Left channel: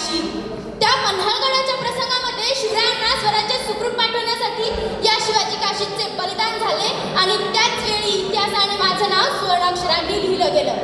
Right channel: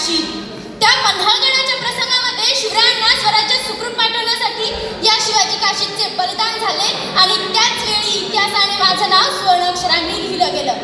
काशी. त्या मल्हारगडाच्या प्रसंगामध्ये शिवरायांना स्वराज्यात सुखरूप पाठवण्यासाठी या शिवाजी काशीचे बलिदान झाले आणि त्याच वेळी इतिहासाने माझं नाव सुवर्णाक्षरांनी लिहिलं गेलं.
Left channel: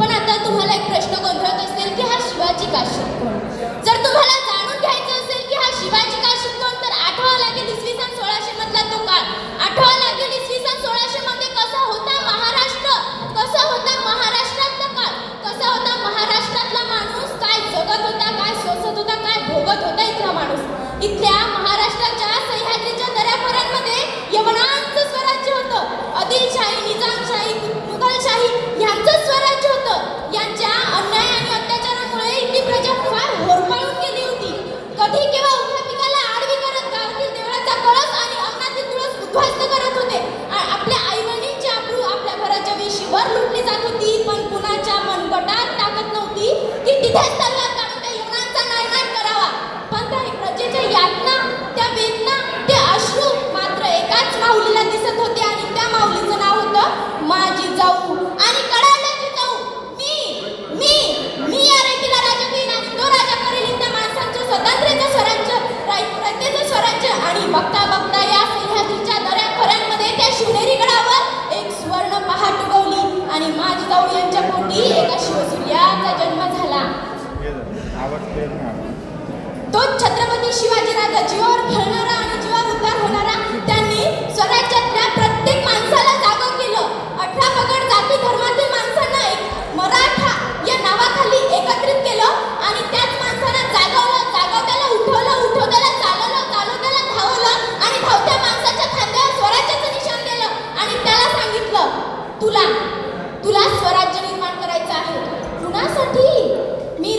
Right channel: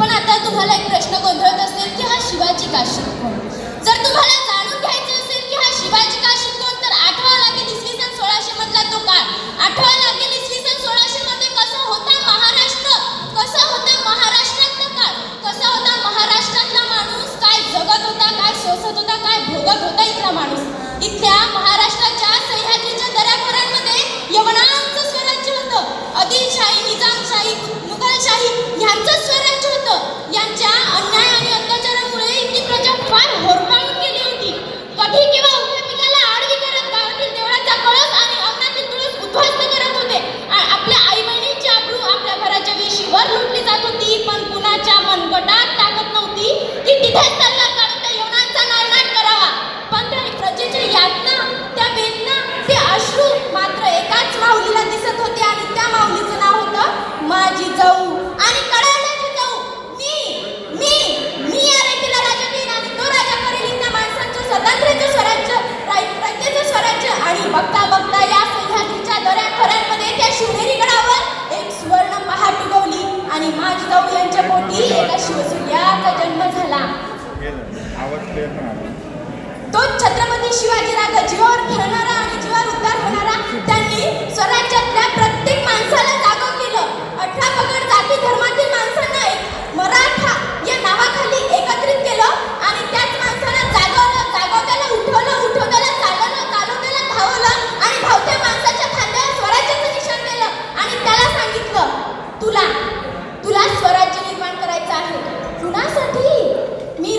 पण आता तुम्हाला एक प्रश्न गोंधळत असेल की हा शिवाजी काशी कोण? जर तुम्हाला जाणून घ्यायचं असेल की हा शिवाजी काशी कोण, तर आठवावं लागेल इसवी सन 1600 मधला तो काळ. आठवावं लागेल इसवी सन 1600 मध्ये कसा होता महाराष्ट्र, कसा होता महाराष्ट्रातला काळ, कसा होता महाराष्ट्रातला माणूस, काय जगत होता, काय सोसत होता, काय भोगत होता इथला माणूस. इथल्या महाराष्ट्राच्या सह्याद्रीच्या दऱ्याखोऱ्यांमध्ये यवनांचं स्वराज्य होतं. आदिलशाही, निजामशाही, मुघलशाही यांचं स्वराज्य होतं. यांच्या अन्याय आणि अत्याचारामुळे इथली प्रजा फार होरपाळून गेली होती. कधी किंवा उभ्या पिकाला आडवी करत गावातील देवळाचा कळस आणि अंगणातील तुळस उद्ध्वस्त करत होते. आपल्या आई बहिणींची अब्रू आपल्या घराच्या वेशीवर लुटली जात होती. पण कुणाच्या मनगटात ताकद नव्हती की तिथेच तलवार काढून त्या यवनांचा नायनाट करावा. पण त्या प्रजेच्या यातना, त्या वेदना, ते अश्रू मात्र एकाच माऊलीला दिसत होते आणि त्या माऊलीचं नाव होतं माझी जाऊ आणि कडाड्याची जाऊ. मी या रेतीला राजा देईन आणि तो राजा करेल त्या माणसांचं स्वतंत्र्याचं स्वराज्य, रयतेचं स्वराज्य. आणि बघता बघता या सह्याद्रीच्या दऱ्याखोऱ्यांमध्ये त्या शिवनेरी गडावर एक सुवर्ण पहाट उगवली आणि माझी जाऊ यांच्या पोटी एका शिवसूर्याचा जन्म झाला. तो छत्रपती शिवाजीराजा जीवावर खेळणारा आणि जीवावर उद्धार होणारा. त्यांनी स्वराज्यातल्या प्रत्येक माणसाला जागं केलं. 18 पगड जाती धर्मातील माणसांना मराठा या नावाखाली एकत्रित केलं आणि त्याच माणसाला जागवलं, त्याला उठवलं, त्याला चालवलं, त्याला धावलं आणि धावत्या माणसाच्या खांद्यावर स्वराज्याचं निशाण केलं आणि त्याला सांगितलं तुला स्वराज्य निर्माण करायचं आहे. कुणासाठी? मी